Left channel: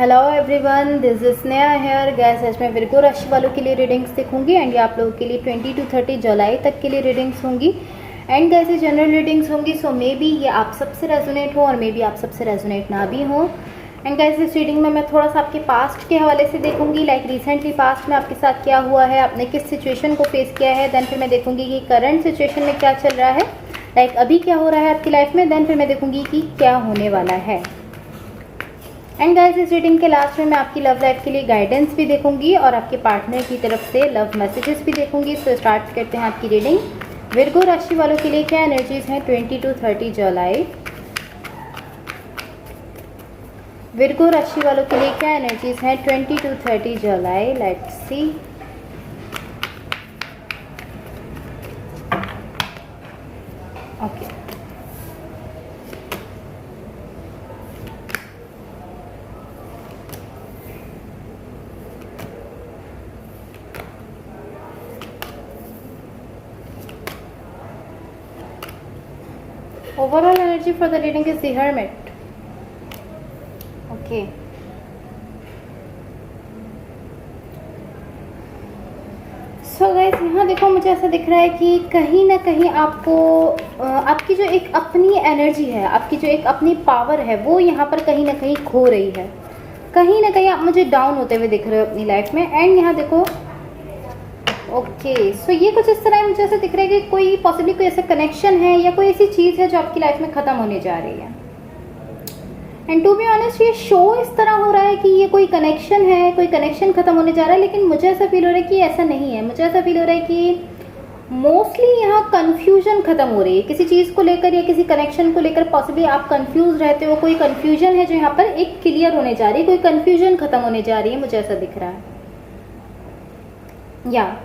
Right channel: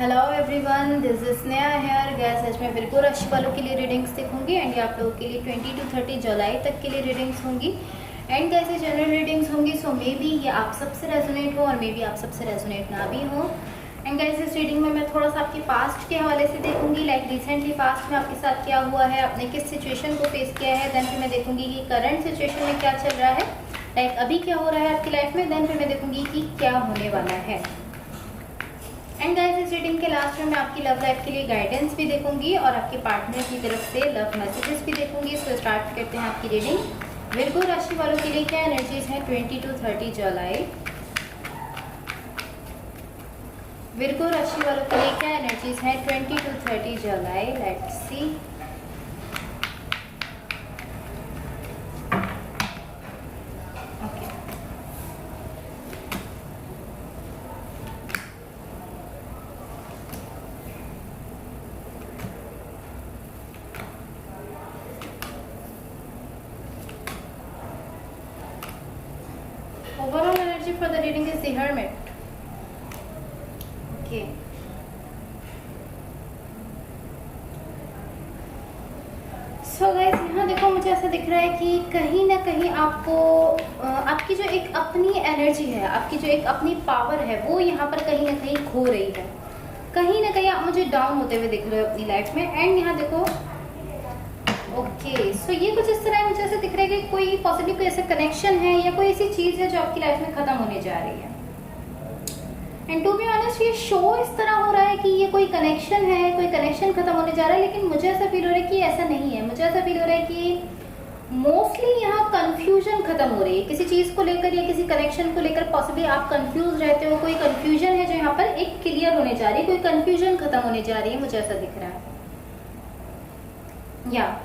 Hello everyone, this is Sneha here guys. आज मैं Virgo राशि वालों के लिए रीडिंग्स दिखूंगी एंड ये आप लोगों के लिए 20 to 30 जुलाई तक के लिए रीडिंग्स होंगी एंड गैस ये जनरल रीडिंग्स होंगी। सो मे बी ये आप सबसे रेजोनेट हो और मे बी आप सबसे रेजोनेट ना भी हो। एंड गैस इस रीडिंग में मैं थोड़ा सा आपके पास्ट के हवाले से देखूंगी, लाइक रिसेंटली पास्ट में आपके साथ क्या हुआ है, आपने किस सिचुएशन को फेस किया है। देन फिर मैं देखूंगी कि करंट सिचुएशन में क्या चल रहा है, लाइक अभी क्या हो रहा है आपकी लाइफ में। देन फिर मैं देखूंगी कि क्या होने वाला है। एंड गाइस इस रीडिंग के लास्ट में मैं आपकी लव लाइफ के लिए गाइडेंस भी देखूंगी और आपके पार्टनर की तरफ से लव मैसेजेस भी देखूंगी। तो स्टार्ट करते हैं आपकी रीडिंग। विर्गो राशि वालों के लिए क्या एनर्जीज हैं 20 to 30 जुलाई। विर्गो राशि वालों के लिए क्या एनर्जीज हैं 20 to 30 July. Let's see. Okay, overall energy for the reading is the Hermit. Okay. So guys यहाँ देखो, मुझे ऐसा दिख रहा है कि कहीं ना कहीं आपको आपकी जो एक अपनी एनर्जी है, आपकी जो एक अपनी पावर है, वो यहाँ पर कहीं ना कहीं खो रही है। कहीं ना कहीं आप मुझे डाउन होते हुए दिख रहे हो अपनी लाइफ में। एंड यहाँ देखो, ओके सो ये कुछ इस तरह मुझे ऐसा दिख रहा है कि कोई पॉसिबली कोई ऐसा कनेक्शन है या कोई ऐसी चीज है जो आपकी लाइफ में खत्म होने जा रही है। एंड टू बी ऑनेस्ट ये शो इस तरह हो रहा है कि ये कोई कनेक्शन है, कोई कनेक्शन खत्म होने जा रहा है, लेकिन मुझे ऐसा फील हो रहा है कि ऐसा नहीं है। मुझे ऐसा फील हो रहा है कि मोस्टली यहाँ कंफ्यूजन खत्म हो रही है किसी चीज को लेकर या किसी कनेक्शन को लेकर। पॉसिबली आप कंफ्यूज रहते हो, कोई कंफ्यूजन है जो यहाँ पर एक क्लियर होने जा रही है, कोई कंफ्यूजन खत्म होने जा रही है, मुझे ऐसा दिख रहा है। या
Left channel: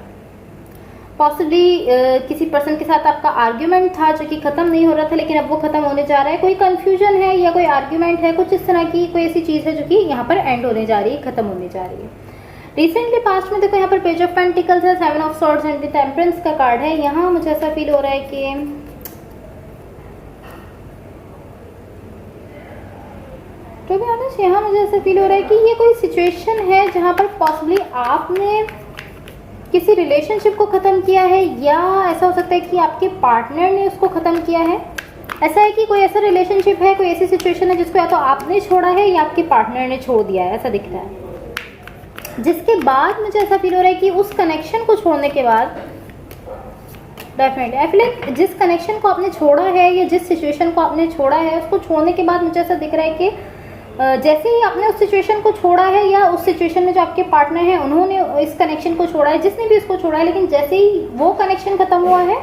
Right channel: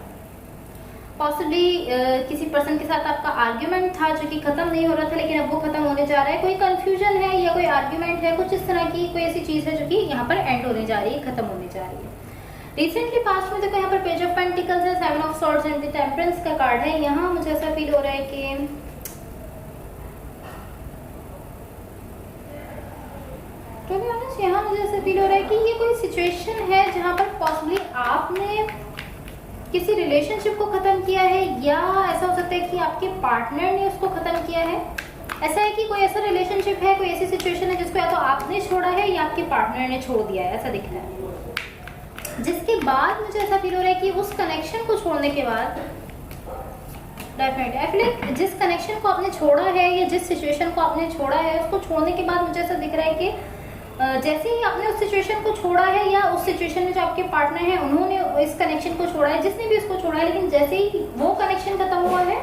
पॉसिबली किसी पर्सन के साथ आपका आर्ग्यूमेंट था जो कि खत्म नहीं हो रहा था, लेकिन अब वो खत्म होने जा रहा है। कोई कंफ्यूजन है या कोई आर्ग्यूमेंट है, कुछ इस तरह की कोई ऐसी चीज है जो कि यहाँ पर एंड होने जा रही है, खत्म होने जा रही है। रिसेंटली पास्ट में देखो यहाँ पर पेज ऑफ पेंटिकल्स है, 7 ऑफ सॉर्ड्स एंड टेम्परेंस का कार्ड है। यहाँ मुझे ऐसा फील हो रहा है कि तो भी ऑनेस्ट यहाँ मुझे ऐसा फील हो रहा है कि ये कोई सिचुएशन है जहां पर पॉसिबली आपने किसी रिलेशनशिप को खत्म किया है, या ऐसा हो सकता है कि आपके पार्टनर ने उसको खत्म किया है। ऐसा है कि कोई ऐसा रिलेशनशिप है, कोई ऐसी सिचुएशन है जिसको या तो आपने छोड़ा है या आपके पार्टनर ने छोड़ दिया है, ऐसा दिख रहा है। जिसके बाद मुझे ऐसा फील हो रहा है कि उस कनेक्शन को छोड़ने के बाद डेफिनेटली आई फील जिस कनेक्शन को आपने छोड़ा है या जिस सिचुएशन को आपने छोड़ा है, उसको छोड़ने के बाद मुझे ऐसा दिख रहा है कि जैसे ही आपने उस सिचुएशन को छोड़ा है या उस सिचुएशन में जो आपके पार्टनर है उन्होंने इस कनेक्शन को छोड़ा है, जिसने भी इसको छोड़ा है, लेकिन जैसे ही वो कनेक्शन खत्म हुआ है,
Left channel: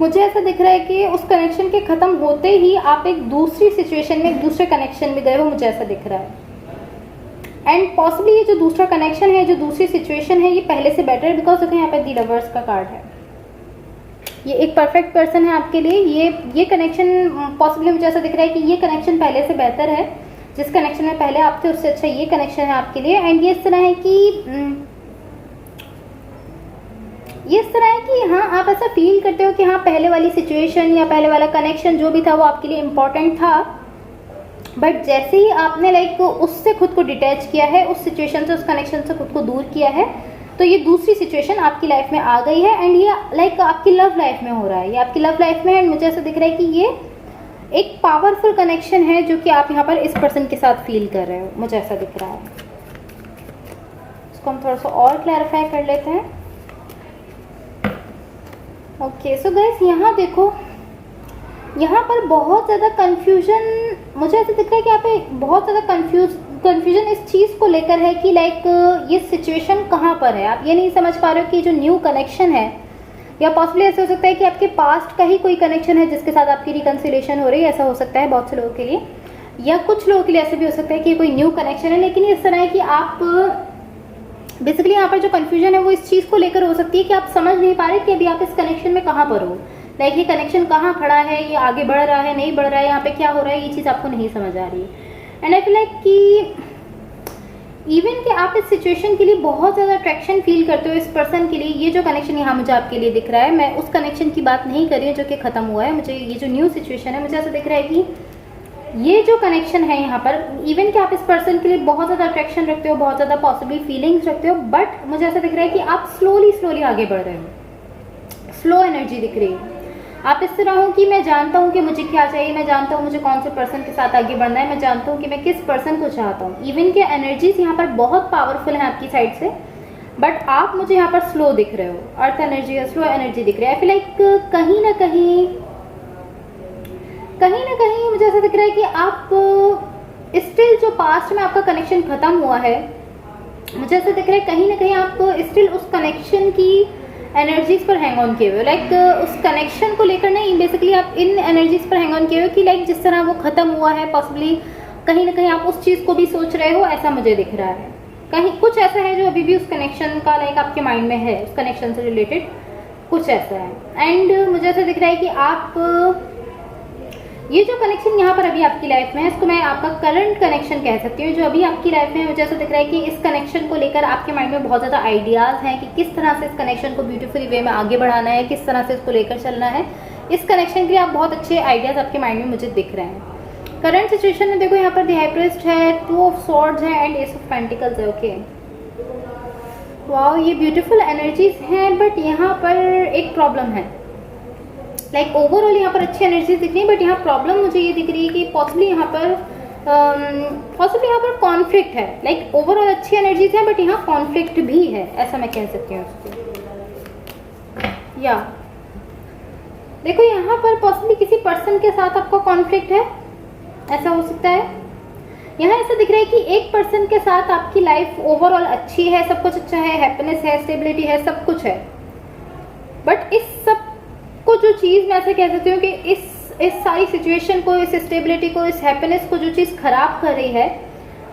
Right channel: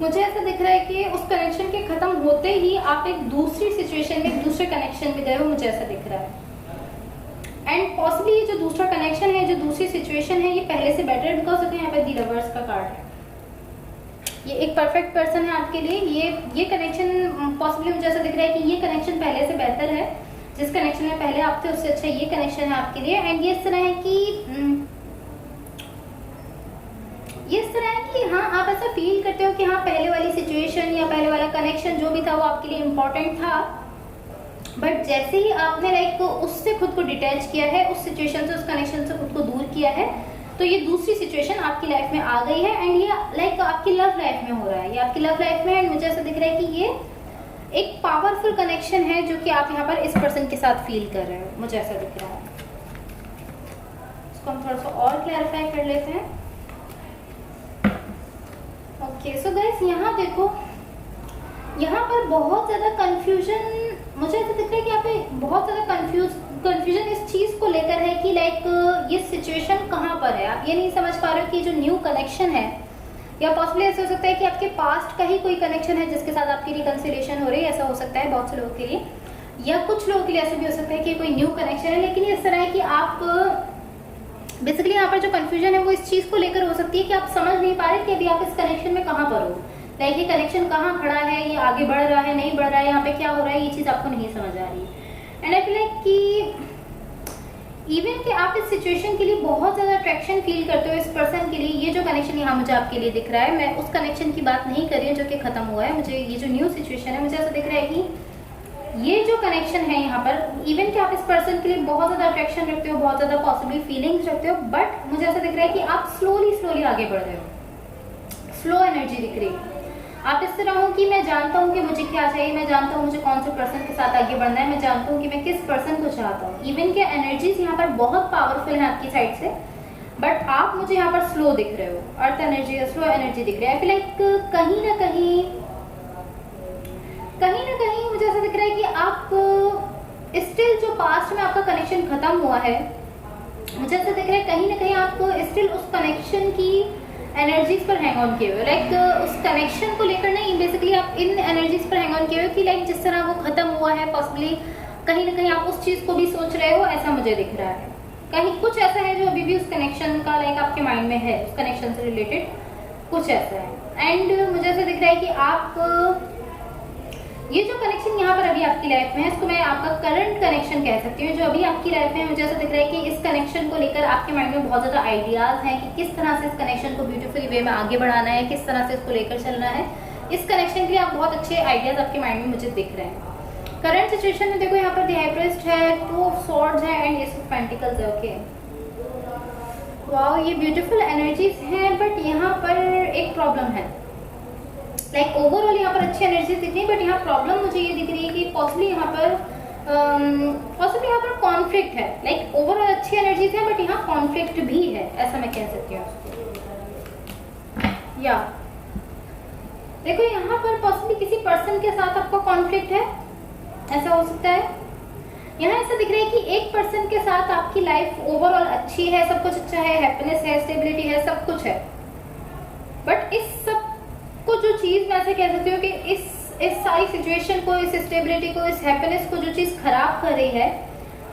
मुझे ऐसा दिख रहा है कि उस कनेक्शन के खत्म होते ही आप एक दूसरी सिचुएशन में, एक दूसरे कनेक्शन में गए हो, मुझे ऐसा दिख रहा है। एंड पॉसिबली ये जो दूसरा कनेक्शन है, जो दूसरी सिचुएशन है, ये पहले से बेटर है, बिकॉज देखो यहाँ पे दी लवर्स का कार्ड है। ये एक परफेक्ट पर्सन है आपके लिए। ये कनेक्शन पॉसिबली मुझे ऐसा दिख रहा है कि ये कनेक्शन पहले से बेहतर है। जिस कनेक्शन में पहले आप थे उससे अच्छा ये कनेक्शन है आपके लिए। एंड ये इस तरह है कि हाँ, आप ऐसा फील करते हो कि हाँ, पहले वाली सिचुएशन या पहले वाला कनेक्शन जो भी था वो आपके लिए इम्पोर्टेंट था, बट जैसे ही आपने लाइक उससे खुद को डिटैच किया है, उस सिचुएशन से, उस कनेक्शन से खुद को दूर किया है, तो ये दूसरी सिचुएशन आपकी लाइफ में आ गई है। एंड ये लाइक आपकी लव लाइफ में हो रहा है, ये आपकी लव लाइफ में। एंड मुझे ऐसा दिख रहा है कि ये एक पावरफुल कनेक्शन है जो कि आप यहाँ पर इस पर्सन के साथ फील कर रहे हो, मुझे ऐसा दिख रहा है। इसको हम थोड़ा सा और क्लैरिफाई कर लेते हैं। ओके सो गाइस यहाँ देखो, यहाँ पर बहुत ज्यादा कंफ्यूजन, मुझे ऐसा दिख रहा है कि यहाँ पे बहुत ज्यादा कंफ्यूजन इस चीज को लेकर है कि लाइक ये सिचुएशन कहाँ पर है। आप ये नहीं समझ पा रहे हो कि जो न्यू कनेक्शन है, या पॉसिबली ऐसा हो सकता है कि आपके पास्ट का ही कोई कनेक्शन है जिसके साथ आपकी रिकंसिलिएशन हो रही है, ऐसा हो सकता है बहुत से लोगों के लिए। या कुछ लोगों के लिए ऐसे भी हो सकता है कि कोई न्यू कनेक्शन है, लेकिन इस तरह है कि आप बेसिकली यहाँ पर जो कंफ्यूजन है वो इस चीज को लेकर हो सकती है कि आप समझ नहीं पा रहे कि अभी आप इस कनेक्शन में कहाँ पर हो, लाइक ये कनेक्शन कहाँ खड़ा है, ये आगे बढ़ रहा है, नहीं बढ़ रहा है, यहाँ पे क्या हो रहा है, ये चीज आपको नहीं समझ आ रही है। एंड आई फील लाइक कि इवन कि आप इस सिचुएशन के लिए बहुत ज्यादा अट्रैक्शन फील करते हो इस पर्सन के लिए। ये जो कनेक्शन यहाँ मुझे आपके लिए दिख रहा है, मैं उस कनेक्शन की बात नहीं कर रही जो कि खत्म हुआ है। मुझे ये जो न्यू सिचुएशन है, मुझे ऐसा दिख रहा है कि ये जो कनेक्शन है यहाँ पर, इवन कि आप इस पर्सन के लिए बहुत ज्यादा अट्रैक्शन रखते हो, बहुत ज्यादा पॉसिबल फीलिंग्स रखते हो, बट मुझे ऐसा दिख रहा है कि आप स्लोली आगे बढ़ रहे हो, स्लो एनर्जी दिख रही है। आप इस तरह हो कि मैं जानता हूँ कि मुझे क्या चाहिए, मैं जानता हूँ मुझे कौन से पर्सन के साथ आगे बढ़ना है, मैं जानता हूँ कि मैं किस पर्सन को चाहता हूँ। इवन के एनर्जीज यहाँ पर बहुत पावरफुल है आपकी साइड से, बट आप मुझे यहाँ पर स्लो दिख रहे हो, अर्थ एनर्जी, स्लो एनर्जी दिख रही है। आई फील लाइक कहीं ना कहीं मुझे ऐसा दिख रहा है कि आप स्टिल जो पास्ट में आपका कनेक्शन खत्म हुआ है, मुझे ऐसा दिख रहा है कहीं ना कहीं आप स्टिल उस कनेक्शन की एनर्जीज पर हैंग ऑन किए हुए, लाइक उस कनेक्शन को लेकर नहीं, बेसिकली आप इन एनर्जीज पर हैंग ऑन किए हुए कि लाइक जिस तरह वो खत्म हुआ है, पॉसिबली कहीं ना कहीं आप उस चीज को भी सोच रहे हो, ऐसा मुझे दिख रहा है। कहीं कुछ ऐसा है जो अभी भी उस कनेक्शन का लाइक आपके माइंड में है, उस कनेक्शन से रिलेटेड कुछ ऐसा है। एंड मुझे ऐसा दिख रहा है कि आप ये जो कनेक्शन यहाँ पर अभी आपकी लाइफ में है, इसको मैं आपका करंट कनेक्शन कह सकती हूँ, जो अभी आपकी लाइफ में, मुझे ऐसा दिख रहा है कि इस कनेक्शन को लेकर आपके माइंड में बहुत ज्यादा आइडियाज हैं कि किस तरह से इस कनेक्शन को ब्यूटीफुल वे में आगे बढ़ाना है, किस तरह से इसको लेकर चलना है। इस कनेक्शन के लिए आप बहुत अच्छे आइडियाज आपके माइंड में मुझे दिख रहे हैं। करंट सिचुएशन में देखो यहाँ पर द हाई प्रीस्ट है, 2 ऑफ स्वॉर्ड्स है एंड एस ऑफ पेंटिकल्स है। ओके, वाओ, ये ब्यूटीफुल एनर्जीज हैं, बट यहाँ पर एक प्रॉब्लम है। लाइक ओवरऑल यहाँ पर अच्छी एनर्जी दिख रही है, बट यहाँ प्रॉब्लम मुझे ये दिख रही है कि पॉसिबली यहाँ पर कॉन्फ्लिक्ट है। लाइक ओवरऑल अच्छी एनर्जीज है, बट यहाँ कॉन्फ्लिक्ट भी है, ऐसा मैं कह सकती हूँ उसको। या देखो यहाँ पर पॉसिबली किसी पर्सन के साथ आपका कॉन्फ्लिक्ट है, ऐसा हो सकता है। यहाँ ऐसा दिख रहा है कि एक पर्सन के साथ आपकी लाइफ ओवरऑल अच्छी है, सब कुछ अच्छा है, हैप्पीनेस है, स्टेबिलिटी है, सब कुछ है, बट इस सब को जो चीज मैं ऐसे कह सकती हूँ कि इस सारी सिचुएशन को, इस स्टेबिलिटी को, इस हैप्पीनेस को जो चीज खराब कर रही है,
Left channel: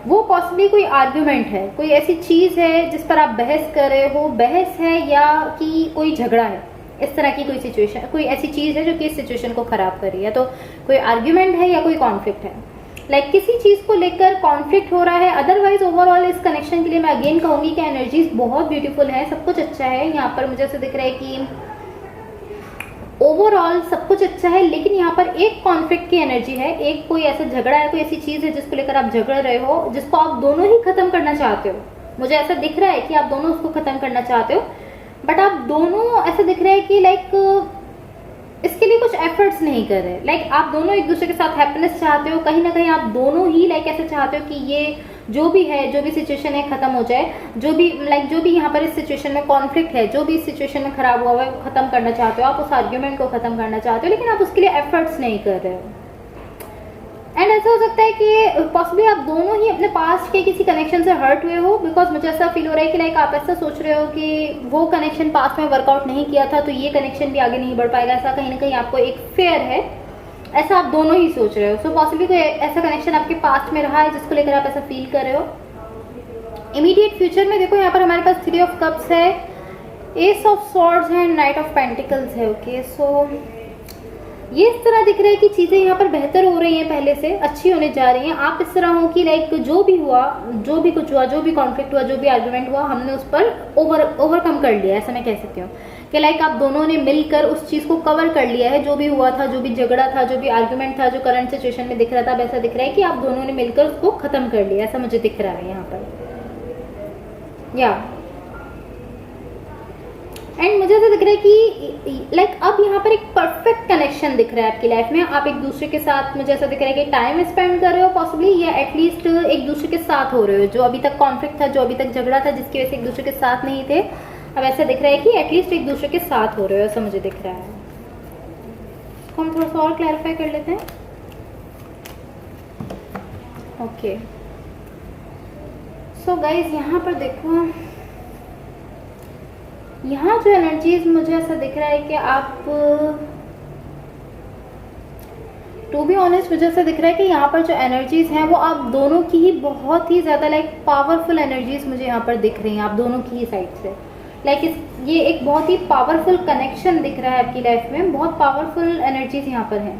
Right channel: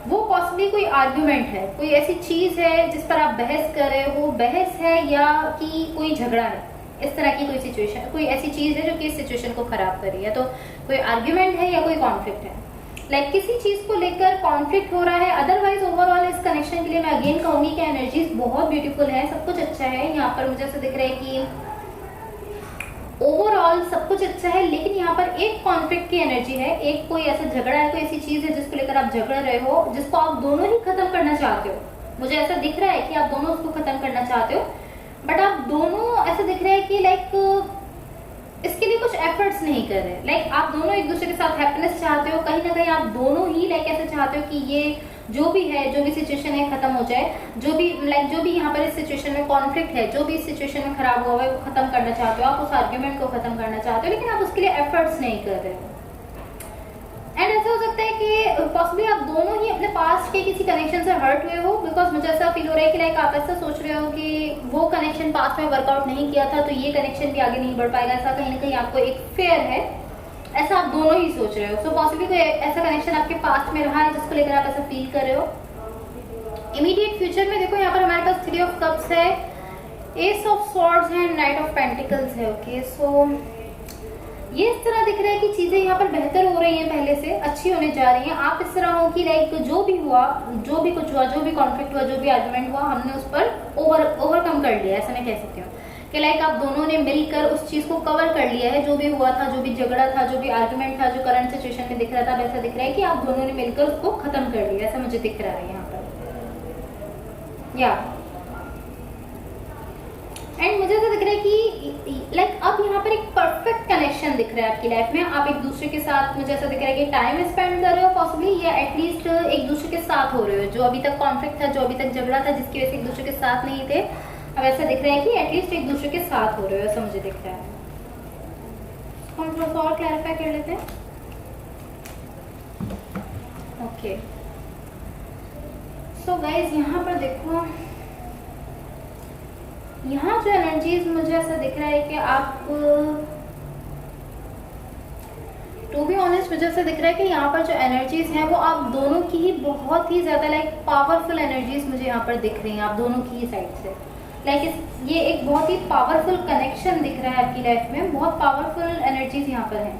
वो पॉसिबली कोई आर्ग्यूमेंट है, कोई ऐसी चीज है जिस पर आप बहस कर रहे हो, बहस है या कि कोई झगड़ा है, इस तरह की कोई सिचुएशन, कोई ऐसी चीज है जो कि इस सिचुएशन को खराब कर रही है। तो कोई आर्ग्यूमेंट है या कोई कॉन्फ्लिक्ट है, लाइक किसी चीज को लेकर कॉन्फ्लिक्ट हो रहा है। अदरवाइज ओवरऑल इस कनेक्शन के लिए मैं अगेन कहूंगी कि एनर्जीज बहुत ब्यूटीफुल है, सब कुछ अच्छा है। यहाँ पर मुझे ऐसा दिख रहा है कि ओवरऑल सब कुछ अच्छा है, लेकिन यहाँ पर एक कॉन्फ्लिक्ट की एनर्जी है, एक कोई ऐसा झगड़ा है, कोई ऐसी चीज है जिसको लेकर आप झगड़ रहे हो, जिसको आप दोनों ही खत्म करना चाहते हो। मुझे ऐसा दिख रहा है कि आप दोनों उसको खत्म करना चाहते हो, बट आप दोनों ऐसा दिख रहा है कि लाइक इसके लिए कुछ एफर्ट्स नहीं कर रहे। लाइक आप दोनों एक दूसरे के साथ हैप्पीनेस चाहते हो, कहीं ना कहीं आप दोनों ही लाइक ऐसे चाहते हो कि ये जो भी है, जो भी सिचुएशन है खत्म हो जाए, जो भी यहाँ पर इस सिचुएशन में कॉन्फ्लिक्ट है, जो भी इस सिचुएशन में खराब हुआ है वो खत्म करना चाहते हो, आप उस आर्ग्यूमेंट को खत्म करना चाहते हो, लेकिन आप उसके लिए एफर्ट्स नहीं कर रहे हो। एंड ऐसा हो सकता है कि पॉसिबली आप दोनों ही अपने पास्ट के किसी कनेक्शन से हर्ट हुए हो, बिकॉज मुझे ऐसा फील हो रहा है कि लाइक आप ऐसा सोच रहे हो कि वो कनेक्शन पास्ट में वर्कआउट नहीं किया था, तो ये कनेक्शन भी आगे नहीं बढ़ पाएगा। ऐसा कहीं ना कहीं आपको एक फेयर है, ऐसा आप दोनों ही सोच रहे हो। सो पॉसिबली कोई ऐसा कनेक्शन आपके पास्ट में रहा है जिसको लेकर आप ऐसा फील कर रहे हो। इमीडिएट फ्यूचर में देखो यहाँ पर हमारे पास 3 ऑफ कप्स है, एस ऑफ स्वॉर्ड्स है, नाइट ऑफ पेंटिकल्स है। ओके, सो ये इस तरह दिख रहा है कि चीजें यहाँ पर बेहतर हो रही हैं, पहले से अच्छी होने जा रही हैं। आप इस तरह हो कि लाइक जो भी हुआ, जो भी कुछ हुआ, जो भी कॉन्फ्लिक्ट हुआ, जो भी आर्गुमेंट हुआ, हमने उस पर ओवरकम कर लिया, ऐसा मैं कह सकती हूँ कि लाइक आप दोनों ने मिलकर उस चीज को कवर कर लिया है। जो भी हुआ था, जो भी झगड़ा था, जो भी आर्गुमेंट था, जो करंट सिचुएशन में दिख रहा था, वैसा दिख रहा है कि आप दोनों ने मिलकर उसको खत्म कर लिया, ऐसा मुझे दिख रहा है यहाँ पर। या एंड मुझे ऐसा दिख रहा है कि लाइक अब यहाँ पर एक परफेक्ट कनेक्शन दिख रहा है आपकी लाइफ में। आप एक दूसरे के साथ, मुझे ऐसा दिख रहा है कि टाइम स्पेंड कर रहे हो पॉसिबली, या एटलीस्ट एक दूसरे के साथ हो रहे हो। जो अभी तक कॉन्फ्लिक्ट था, जो अभी तक झगड़ा था, जिसकी वजह से एक दूसरे के साथ नहीं थे, अब ऐसा दिख रहा है कि एटलीस्ट एक दूसरे के साथ हो रहे हो, ऐसा मुझे दिख रहा है। हम थोड़ा सा और क्लैरिफाई कर लेते हैं। ओके, सो गाइज यहाँ पर देखो, यहाँ जो एनर्जीज मुझे ऐसा दिख रहा है कि आप, टू बी ऑनेस्ट मुझे ऐसा दिख रहा है कि यहाँ पर जो एनर्जीज हैं वो आप दोनों की ही बहुत ही ज्यादा लाइक पावरफुल एनर्जीज मुझे यहाँ पर दिख रही हैं, आप दोनों की ही साइड से। लाइक ये एक बहुत ही पावरफुल कनेक्शन दिख रहा है आपकी लाइफ में, बहुत पावरफुल एनर्जीज यहाँ पर हैं।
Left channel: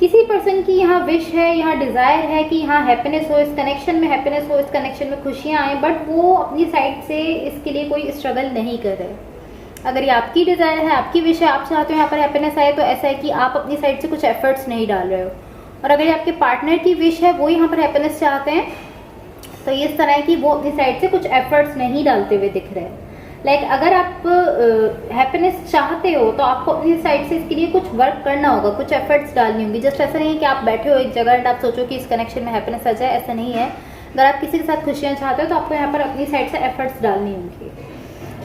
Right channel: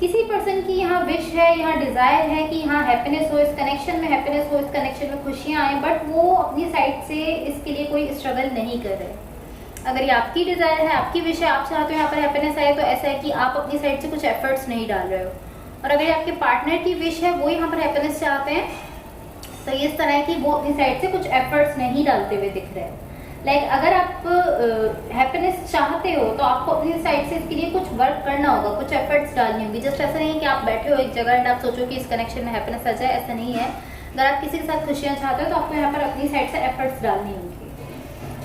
किसी पर्सन की यहाँ विश है, यहाँ डिजायर है कि यहाँ हैप्पीनेस हो, इस कनेक्शन में हैप्पीनेस हो, इस कनेक्शन में खुशियां आए, बट वो अपनी साइड से इसके लिए कोई स्ट्रगल नहीं कर रहे। अगर ये आपकी डिजायर है, आपकी विश है, आप चाहते हो यहाँ पर हैप्पीनेस आए, तो ऐसा है कि आप अपनी साइड से कुछ एफर्ट्स नहीं डाल रहे हो। और अगर ये आपके पार्टनर की विश है, वो यहाँ पर हैप्पीनेस चाहते हैं, तो इस तरह की वो अपनी साइड से कुछ एफर्ट्स नहीं डालते हुए दिख रहे हैं। लाइक अगर आप हैप्पीनेस चाहते हो तो आपको अपनी साइड से इसके लिए कुछ वर्क करना होगा, कुछ एफर्ट्स डालनी होंगी। जस्ट ऐसा नहीं है कि आप बैठे हो एक जगह एंड आप सोचो कि इस कनेक्शन में हैप्पीनेस आ जाए, ऐसा नहीं है। अगर आप किसी के साथ खुशियां चाहते हो तो आपको यहाँ पर अपनी साइड से एफर्ट्स डालनी होंगी।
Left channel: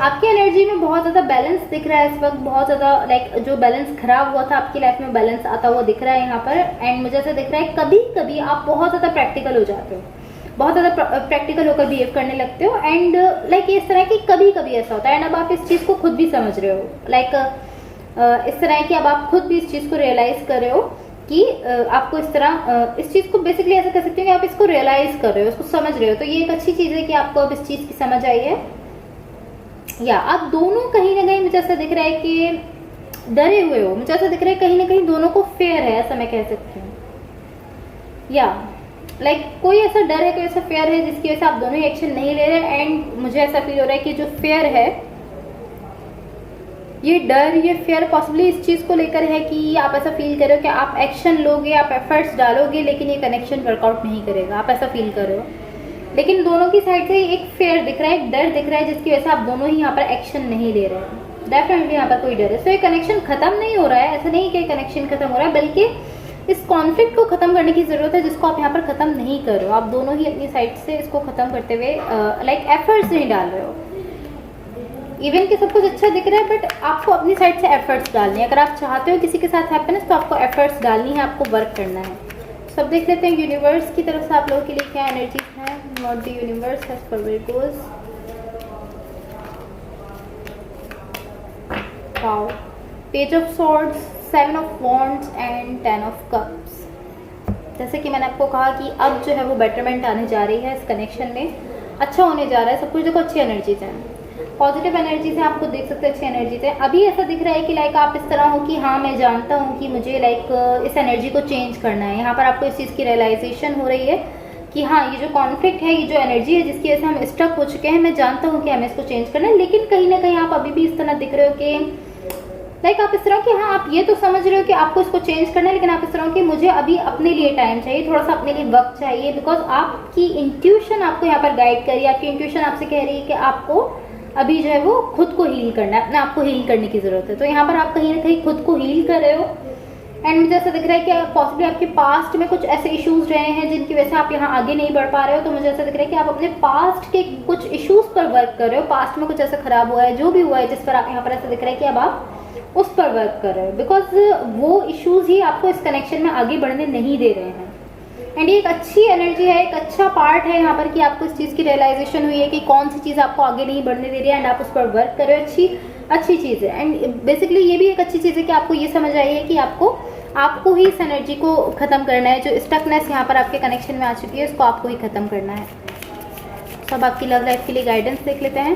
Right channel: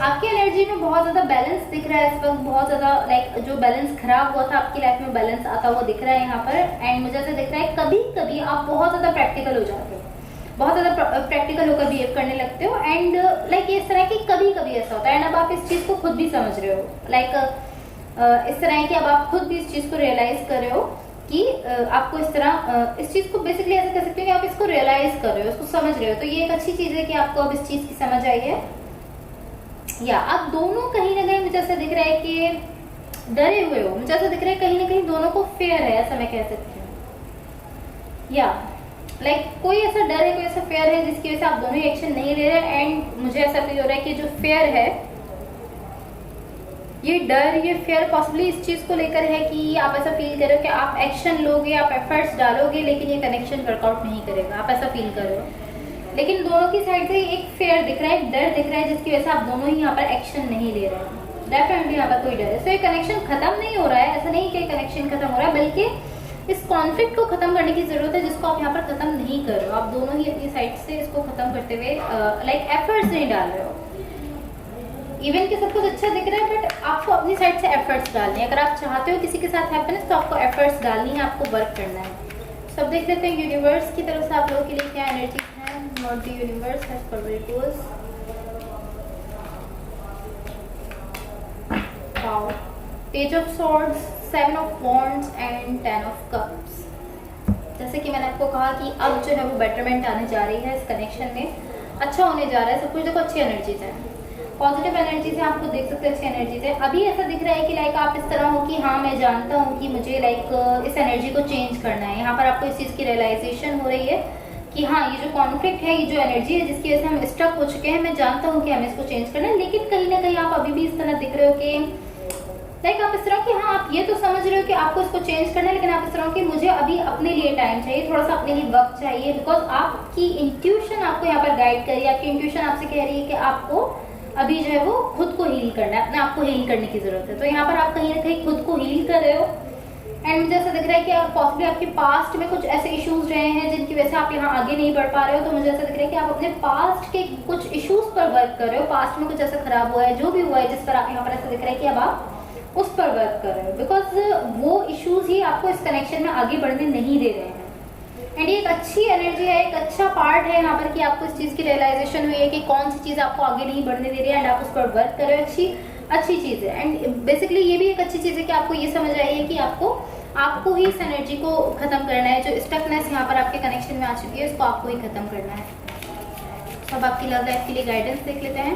आपकी एनर्जी में बहुत ज्यादा बैलेंस दिख रहा है इस वक्त, बहुत ज्यादा लाइक जो बैलेंस खराब हुआ था आपकी लाइफ में बैलेंस आता हुआ दिख रहा है यहाँ पर। एंड मुझे ऐसा दिख रहा है कभी कभी आप बहुत ज्यादा प्रैक्टिकल हो जाते हो, बहुत ज्यादा प्रैक्टिकल होकर बिहेव करने लगते हो। एंड लाइक इस तरह की कभी कभी ऐसा होता है एंड अब आप इस चीज को खुद भी समझ रहे हो। लाइक इस तरह की अब आप खुद भी इस चीज को रियलाइज कर रहे हो कि आपको इस तरह इस चीज को बेसिकली ऐसा कह सकते हो कि आप इसको रियलाइज कर रहे हो, इसको समझ रहे हो। तो ये एक अच्छी चीज है कि आपको अब इस चीज की समझ आई है। या आप दोनों कहीं ना कहीं मुझे ऐसा दिख रहा है कि डरे हुए हो, मुझे ऐसा दिख रहा है कहीं ना कहीं दोनों को फेयर है, ऐसा मैं कह सकती हूँ। या लाइक कोई ऐसा डर है, कोई ऐसा फेयर है जिसकी वजह से आप दोनों ही एक्शन नहीं ले रहे। एंड मुझे ऐसा फील हो रहा है कि जो फेयर है, ये डर, ये फेयर पॉसिबली इस चीज को लेकर है कि आप ऐसा फील कर रहे हो कि आप एक्शन लोगे, आप एफर्ट्स डालोगे, लेकिन ये कनेक्शन वर्कआउट नहीं करेगा, आप ऐसा फील कर रहे हो। लेकिन दोनों की साइड से एक फेयर दिख रहा है, एक डर दिख रहा है जिसकी वजह से आप दोनों ही यहाँ पर एक्शन नहीं ले रहे हैं। डेफिनेटली यहाँ पर कोई डर है। तो ये कनेक्शन खत्म नहीं हो रहा है, ऐसा नहीं कि कनेक्शन खत्म हो रहा है, बल्कि इस कॉन्फ्लिक्ट को खत्म करने की जरूरत है जिसको आप यहाँ पर खत्म नहीं कर रहे हो। आप दोनों ही अपनी साइड से इसको खत्म करते हुए लाइक एफर्ट्स नहीं डाल रहे हो। इवन कि सब कुछ अच्छा दिख रहा है बट आपको अपनी साइड से एफर्ट्स डालनी है। अगर आप चाहते हो किसी के साथ हैप्पीनेस तो आपको एफर्ट्स डालनी है, आपको वर्क करना है। सब देख लेते हैं यूनिवर्स की तरफ से आप लोगों के लिए क्या एनर्जी है। Not the universe has for will wow, page of swords, 7 of wands and 10 of cups. जैसे कि मैंने आपको कहा कि अब जो है वो बेटरमेंट आने जा रही है इस कनेक्शन में, अच्छा होने जा रहा है सब कुछ। देखो अच्छी एनर्जीज है, पॉजिटिव एनर्जीज है, आपको देख सकते हैं अच्छी एनर्जीज है। अभी ऐसा दिख रहा है कि लाइक आप इस तरह हो कि हाँ मैं जानता हूँ कि मुझे लाइक इस एनर्जी को चेंज करना है। यहाँ पर आपको इस चीज़ की रियलाइजेशन हो रही है कि हाँ ये जो कॉन्फ्लिक्ट है, ये जो एनर्जी है जिसकी वजह से हम स्टक हो चुके हैं, मैं जानता हूँ कि हमें इसको चेंज करना है। लेकिन कहीं ना कहीं आप अभी भी इस तरह दिख रहे हो कि लाइक आप इस तरह कि हाँ आप ये तो समझ रहे हो कि आपको इसको चेंज करना है, लेकिन आप इस तरह कि मुझे अभी अपने लिए टाइम चाहिए, थोड़ा सा अपने लिए वक्त चाहिए। बिकॉज आपकी इंट्यूशन आपको यहाँ पर गाइड कर रही है, आपकी इंट्यूशन आपसे कह रही है कि आपको अभी जो है वो खुद को हील करना है, अपने आप को हील करने की जरूरत है। तो यहाँ पर आप कहीं ना कहीं खुद को हील कर रहे हो। एंड मुझे ऐसा दिख रहा है कि पॉसिबली आपके पास्ट में कुछ ऐसे इश्यूज रहे हैं जिनकी वजह से आप यहाँ आगे नहीं बढ़ पा रहे हो। तो मुझे ऐसा दिख रहा है कि आप अपने पास्ट के कुछ इश्यूज पर वर्क कर रहे हो। पास्ट में कुछ ऐसा खराब हुआ है, जो भी हुआ है, जिस पर आप यहाँ पर ऐसा दिख रहा है कि अब आप उस पर वर्क कर रहे हो। बिकॉज वो इश्यूज ही आपको इस कनेक्शन में आगे बढ़ने नहीं दे रहे हैं। एंड ये एक अच्छी एनर्जी है, एक अच्छा पार्ट है यहाँ पर कि आपको इस चीज की रियलाइजेशन हुई है कि कौन सी चीज आपको आगे नहीं बढ़ने दे रही है एंड आप उस पर वर्क कर रहे हो। अच्छी चीज है। एंड बेसिकली ये भी एक अच्छी चीज है कि आपको ये समझ आई है कि आपको ही इस एनर्जी को खत्म करना है। जो स्टकनेस यहाँ पर आपके कनेक्शन में आ चुकी है उसको आपको ही खत्म करना है। सब आपकी लव लाइफ के लिए गाइडेंस देख लेते हैं।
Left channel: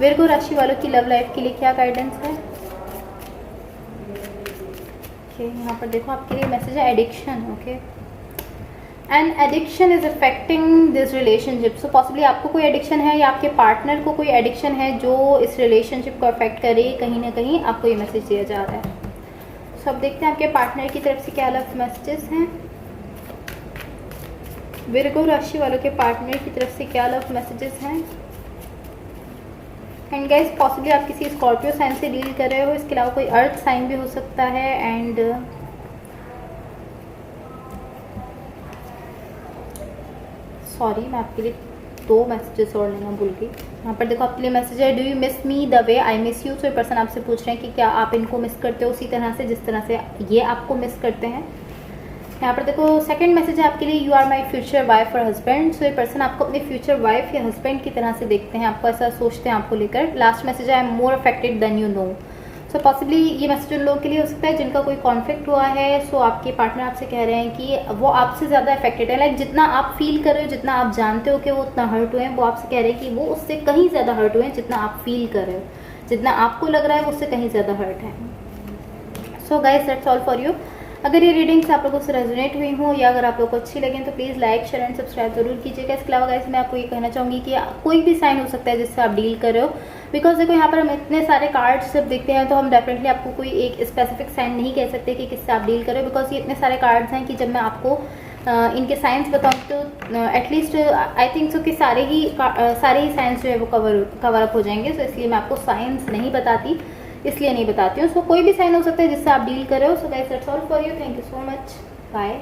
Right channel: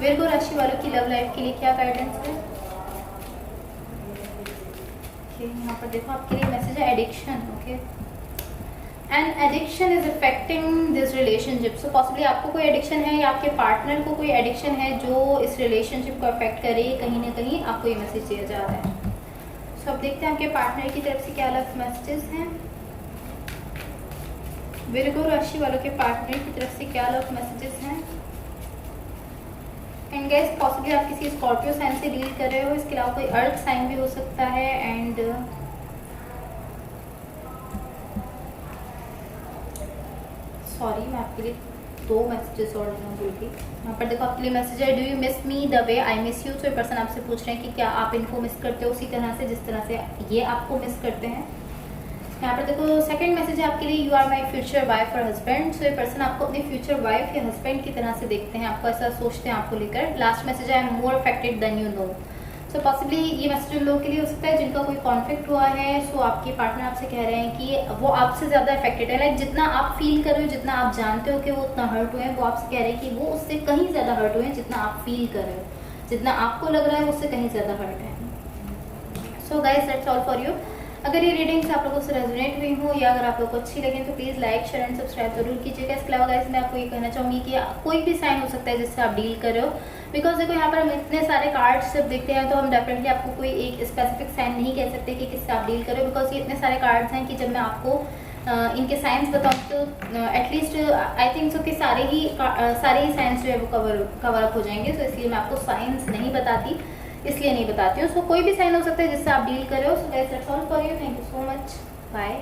विर्गो राशि वालों की लव लाइफ के लिए क्या गाइडेंस है। यहाँ पर देखो आपके लिए मैसेज है addiction. Okay, and addiction is affecting this relationship. So possibly आपको कोई एडिक्शन है या आपके पार्टनर को कोई एडिक्शन है जो इस रिलेशनशिप को अफेक्ट कर रही है। कहीं ना कहीं आपको ये मैसेज दिया जा रहा है। सो अब देखते हैं आपके पार्टनर की तरफ से क्या अलग मैसेजेस हैं। विर्गो राशि वालों के पार्टनर की तरफ से क्या अलग मैसेजेस हैं। एंड गाइस पॉसिबली आप किसी स्कॉर्पियो साइन से डील कर रहे हो, इसके अलावा कोई अर्थ साइन भी हो सकता है। एंड सॉरी मैं आपके लिए 2 मैसेजेस और लेना भूल गई। यहाँ पर देखो आपके लिए मैसेज है, do you miss me the way I miss you. तो ये पर्सन आपसे पूछ रहे हैं कि क्या आप इनको मिस करते हो उसी तरह से जिस तरह से ये आपको मिस करते हैं। यहाँ पर देखो सेकंड मैसेज है आपके लिए, you are my future wife और हस्बैंड। सो ये पर्सन आपको अपने फ्यूचर वाइफ या हस्बैंड की तरह से देखते हैं, आपको ऐसा सोचते हैं आपको लेकर। लास्ट मैसेज है, I am more affected than you know. So possibly ये मैसेज उन लोगों के लिए हो सकता है जिनका कोई कॉन्फ्लिक्ट हुआ है। सो आपके पार्टनर आपसे कह रहे हैं कि वो आपसे ज्यादा अफेक्टेड है। लाइक जितना आप फील कर रहे हो, जितना आप जानते हो कि वो उतना हर्ट हुए हैं, वो आपसे कह रहे हैं कि वो उससे कहीं ज्यादा हर्ट हुए हैं जितना आप फील कर रहे हो। जितना आपको लग रहा है वो उससे कहीं ज्यादा हर्ट है। सो guys that's all for you. अगर ये रीडिंग्स आप लोगों से रेजोनेट हुई हो या अगर आप लोग को अच्छी लगे तो please like share and subscribe जरूर कीजिएगा। इसके अलावा गाइस मैं आपको ये कहना चाहूंगी कि कोई भी साइन हो सकता है जिससे आप डील कर रहे हो, बिकॉज देखो यहाँ पर हम इतने सारे कार्ड्स जब देखते हैं तो हम डेफिनेटली आपको कोई एक स्पेसिफिक साइन नहीं कह सकते कि किससे आप डील कर रहे हो, बिकॉज ये इतने सारे कार्ड्स हैं कि जब मैं आपको इनके साइंस बताऊँ तो एटलीस्ट आई थिंक सो कि सारे ही साइंस जो है वो कवर अप हो जाएंगे। तो इसलिए मैं आपको साइंस नहीं बताती, इसलिए नहीं बताती हूँ। उसको कोई भी साइन हो सकता है जिससे आप डील कर रहे हो। So guys that's all for you, thank you so much, bye.